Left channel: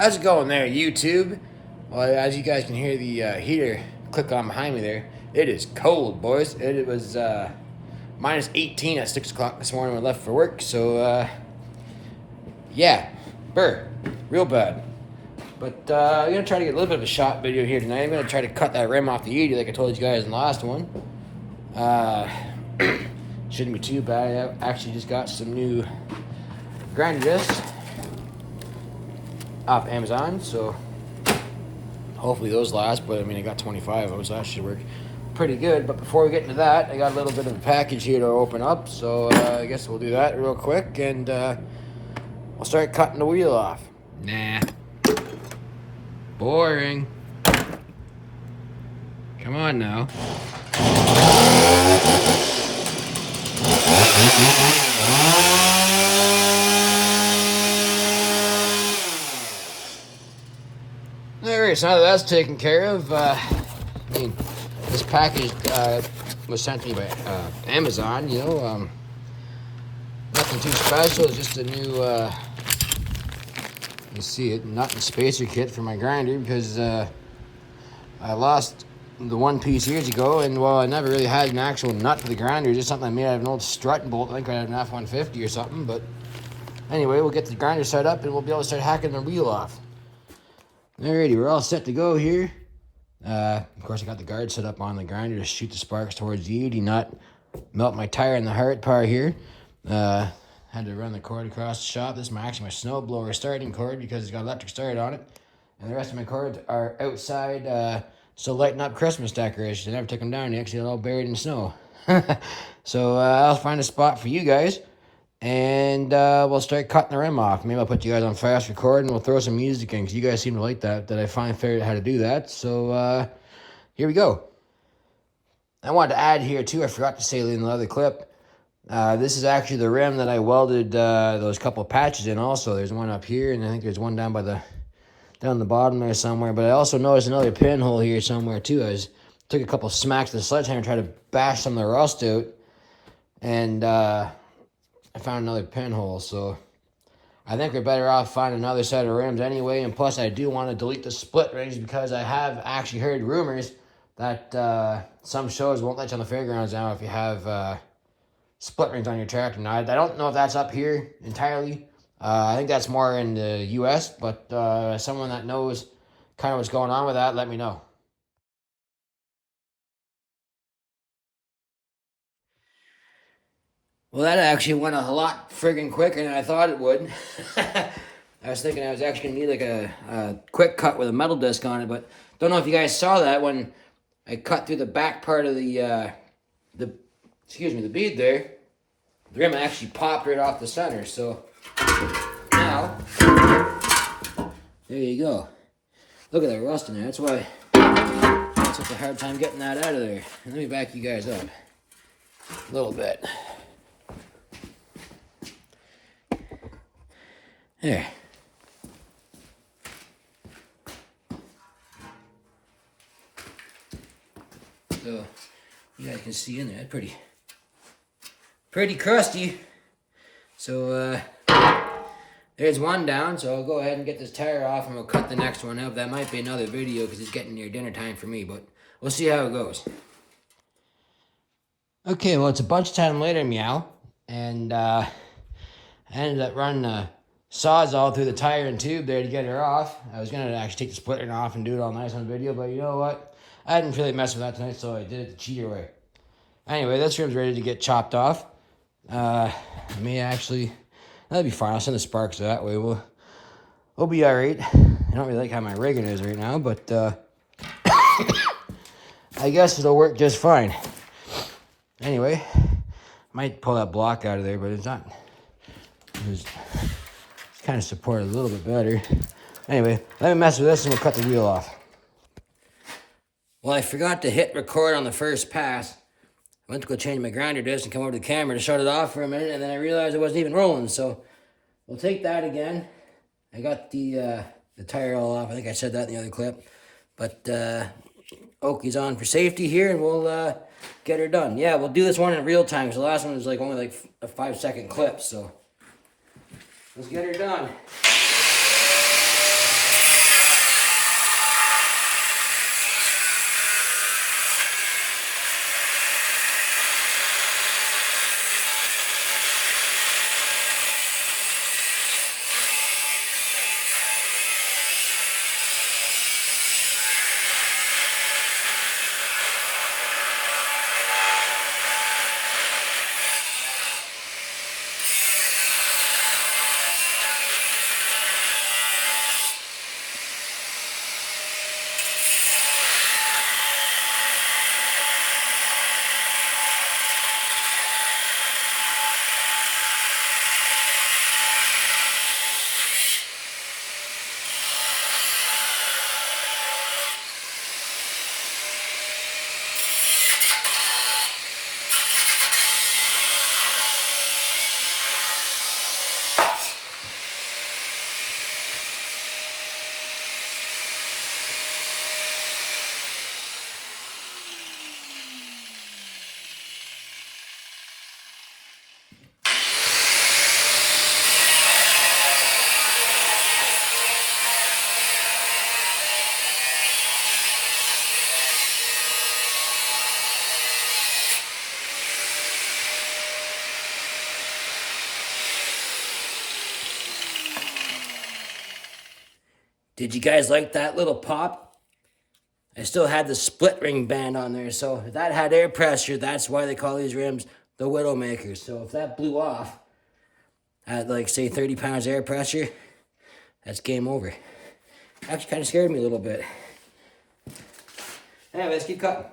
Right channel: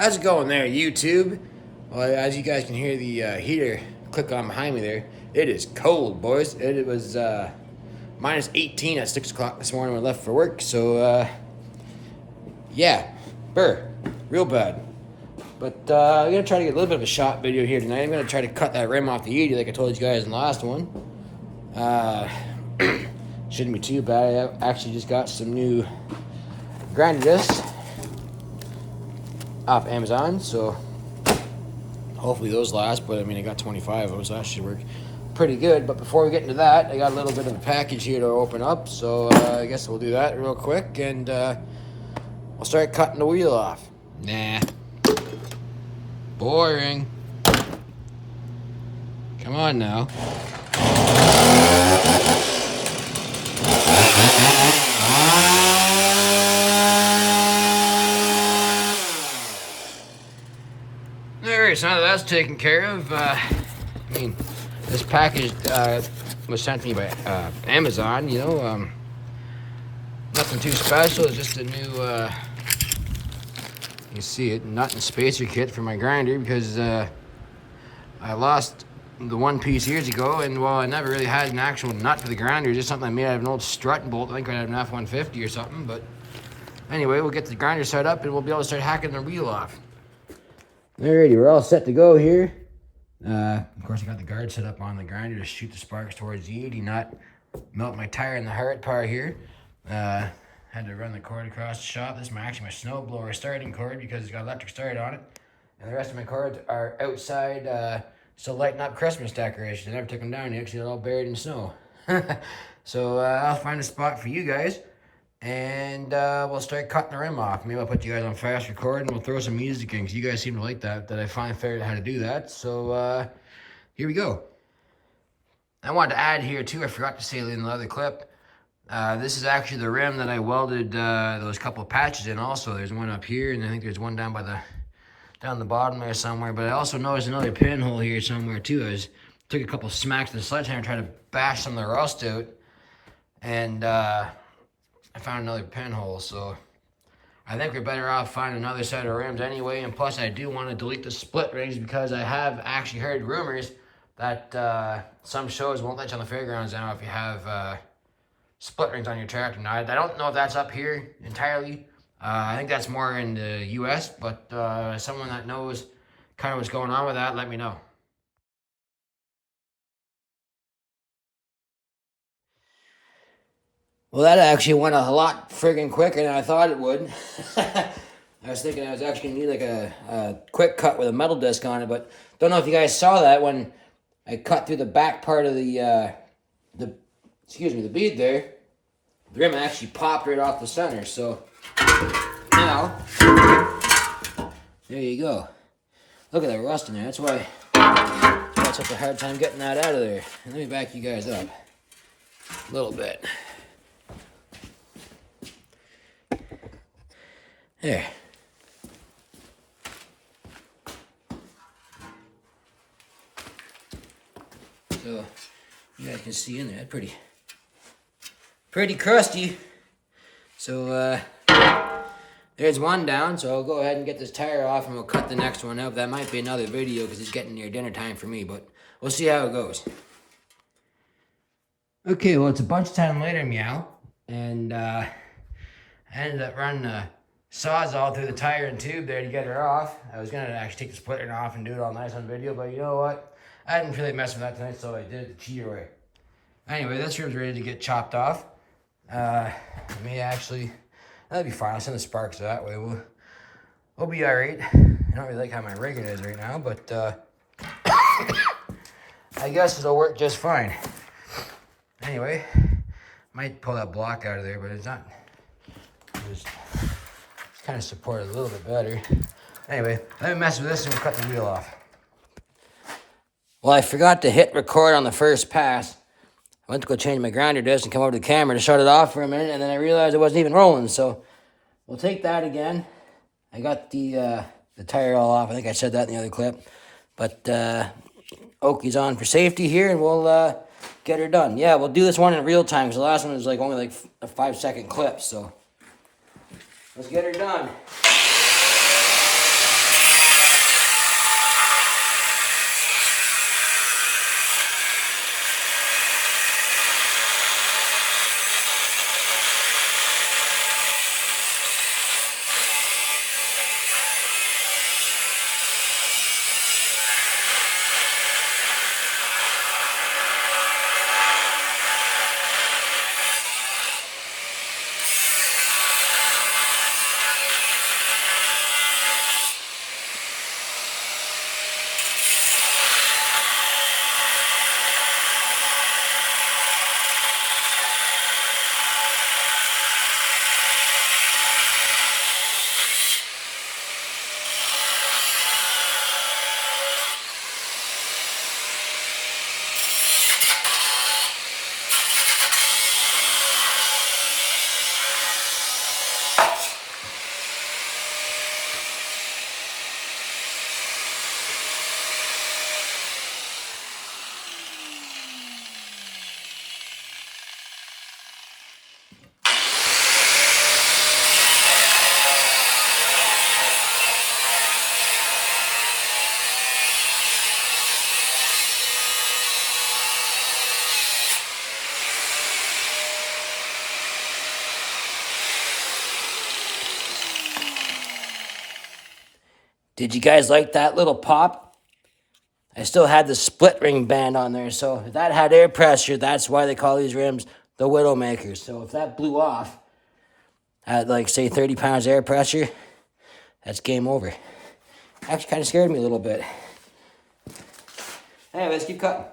How's it going there, YouTube? Well, as you guys can hear the heater click on behind me there, it is cold, boys. It was minus 18 at 6 o'clock this morning when I left for work, so yeah, real bad. But I'm going to try to get a little bit of a shot video here tonight. I'm going to try to cut that rim off the Yeti like I told you guys in the last one. Shouldn't be too bad. I actually just got some new grinder discs off Amazon, so hopefully those last. But I mean, I got 25 of those, so that should work pretty good. But before we get into that, I got a little bit of a package here to open up, so I guess we'll do that real quick, and we'll start cutting the wheel off. Nah, boring. Come on now. Alright, so now that that's taken care of, I mean, this package was sent to me by Amazon, you know, nothing too special, it's just a new, you see it, nut and spacer kit for my grinder, because I lost the one piece years ago, and well, I never really had an actual nut for the grinder, just something I made out of an old strut bolt. I think I had an F-150 or something, but anyway, we'll get the grinder set up and we'll be able to start hacking the wheel off. Alrighty, we're all set to go here. Of course, I got the guard set up on the grinder to shoot the sparks towards the 80 nut. Melt my tire in the hard part here. Had to run the cord across the shop. This is actually my snow blower starting cord because it's got electric start on it. And the rest of my cords are outside, so lighting up Christmas decorations. I never took them down yet because they're all buried in snow. So I'll find a spot for you guys, and we'll start cutting the rim off. Maybe I'll put you guys on fast record and we'll throw some music in because you guys seem to like that I finally figured out how to do that. So here we go. I wanted to add here too, I forgot to say in the other clip, this is actually the rim that I welded those couple patches in also. There's one up here, and I think there's one down by down the bottom there somewhere. But I also noticed another pinhole here somewhere too. I took a couple smacks with the sledgehammer and tried to bash some of the rust out, and I found another pinhole. So I think we're better off finding another set of rims anyway. And plus, I do want to delete the split rings because I have actually heard rumors that some shows won't let you on the fairgrounds now if you have split rings on your tractor. Now, I don't know if that's up here entirely. I think that's more in the US, but someone that knows kind of what's going on with that, let me know. Well, that actually went a lot friggin' quicker than I thought it would. I was thinking I was actually gonna need like a quick cut with a metal disc on it, but don't know if you guys saw that when I cut through the back part of the bead there. The rim actually popped right off the center, so now, there you go. Look at the rust in there. That's why that's such a hard time getting that out of there. And let me back you guys up a little bit. There. So you guys can see in there, pretty crusty. So there's one down, so I'll go ahead and get this tire off and we'll cut the next one up. That might be another video because it's getting near dinner time for me, but we'll see how it goes. Okay, well, it's a bunch of time later, meow, and I ended up running a Sawzall through the tire and tube there to get her off. I was gonna actually take the split ring off and do it all nice on video, but you know what? I didn't really mess with that tonight, so I did it the cheater way. Anyway, this rim's ready to get chopped off. Me actually, that'd be fine. I'll send the sparks that way. We'll be all right. I don't really like how my rigging is right now, but I guess it'll work just fine. Anyway, might pull that block out of there, but it's not. It's kind of supported a little bit better. Anyway, let me mess with this and we'll cut the wheel off. Well, I forgot to hit record on the first pass. I went to go change my grinder disc and come over to the camera to shut it off for a minute, and then I realized it wasn't even rolling, so we'll take that again. I got the tire all off. I think I said that in the other clip. But Oakie's on for safety here, and we'll get her done. Yeah, we'll do this one in real time, because the last one was like only like a 5-second clip, so let's get her done. Did you guys like that little pop? I still had the split ring band on there, so if that had air pressure, that's why they call these rims the Widowmaker. So if that blew off at like say 30 pounds air pressure, that's game over. Actually kind of scared me a little bit. Anyway, let's keep cutting.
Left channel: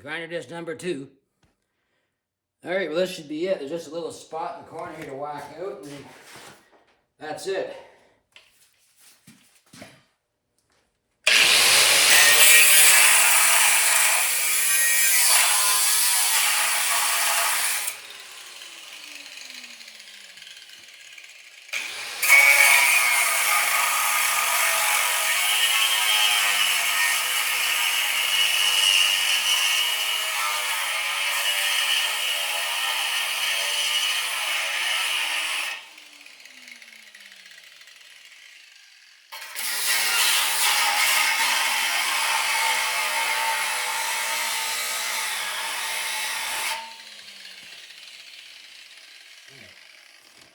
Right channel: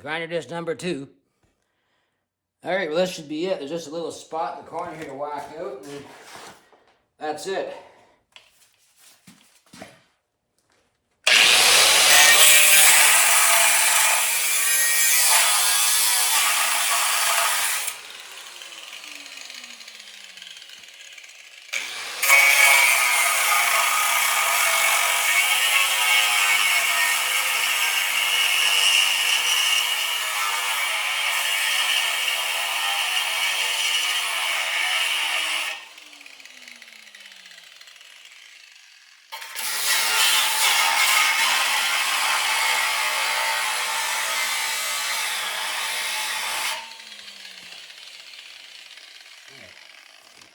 Grinder disc number 2. Alright, well this should be it. There's just a little spot in the corner here to whack out, and that's it.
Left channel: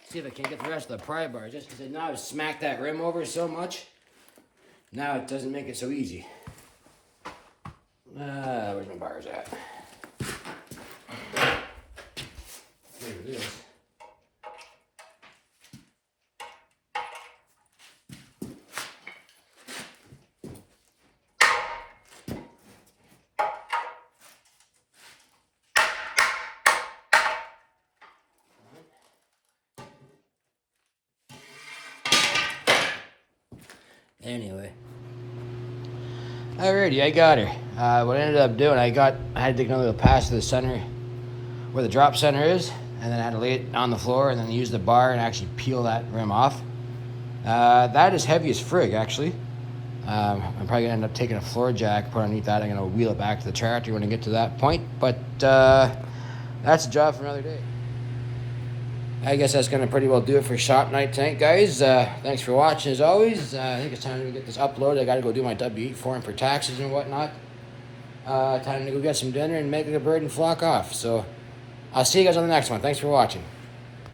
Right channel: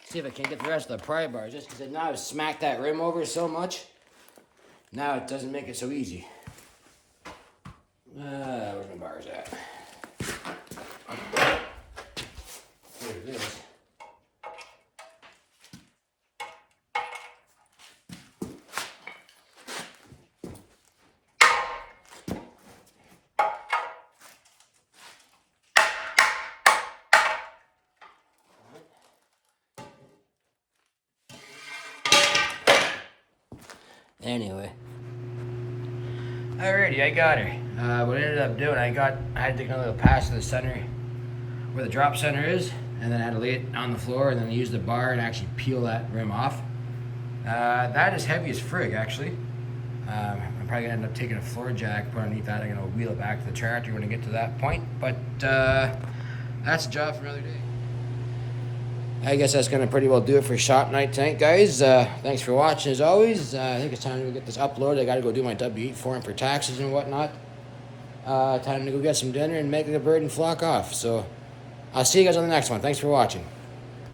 See if I can get the rest of the pry bars, just because now I've smacked that rim over so much. Now it doesn't make it so easy. Where's my bars at? Here it is. Anyway. Alrighty, I got her. What I ended up doing, I had to take another pass to the center, where the drop center is, and then I had to lay it on the floor and then use the bar and actually peel that rim off. That is heavy as frig, actually. I'm probably gonna end up taking a floor jack, put underneath that. I'm gonna wheel it back to the tractor when I get to that point, but that's a job for another day. I guess that's gonna pretty well do it for shop night tonight, guys. Thanks for watching as always. I think it's time to get this uploaded. I gotta go do my W8 form for taxes and whatnot. Time to go get some dinner and make a bird and flock off. So I'll see you guys on the next one. Thanks for watching.